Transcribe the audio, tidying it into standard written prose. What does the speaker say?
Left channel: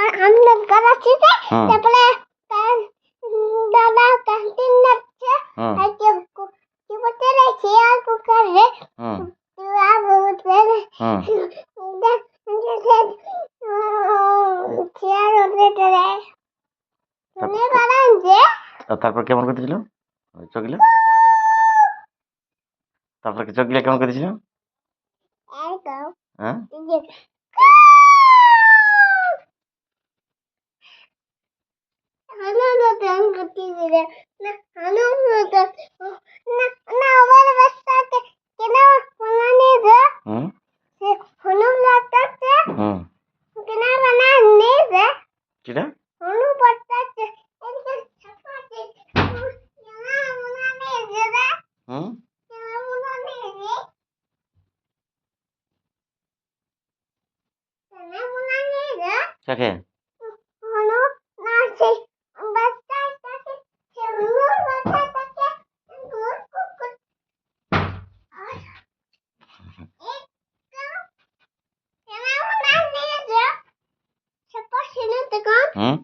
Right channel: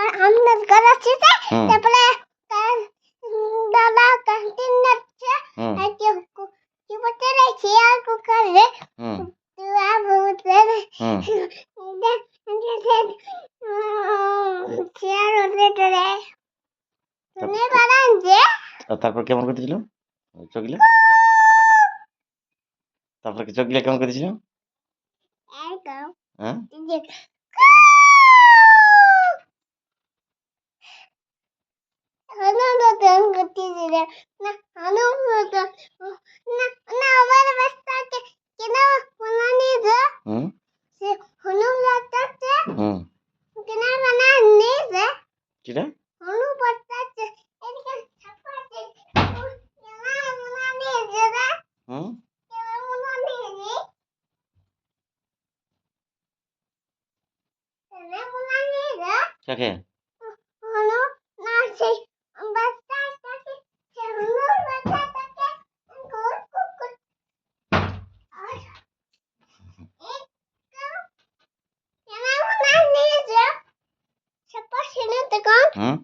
আমরা গালাছিতে হুম তারপরে দাদা ক্যান্টিন যাচ্ছে হুম আর কি বলতে রে চেয়ার কুকারে হুম তুই বলতে হুম চেয়ার ওদের রে তুমি তারপর বানান যে তারপর কেমন করতেছিল চকলে তারপর কি চকলে কেমন করতেছিল একদম হ্যাঁ হলো না গান করতেছি রে না হলো না না না আমার বাচ্চাকে কেন বানানি যে হুম সে হলো বাচ্চাকে হুম কেন বানানি যে কিটা হলো বাচ্চাকে এদিকে ছাপাতে কেন বানানি যে হুম কেন বানানি যে কেন বানানি যে কাকে হলো না সেই বাচ্চাটাকে সে হলো বাচ্চাটাকে গোল কুকুর কেন বানানি যে ছাপা ছিল তো কোন হুম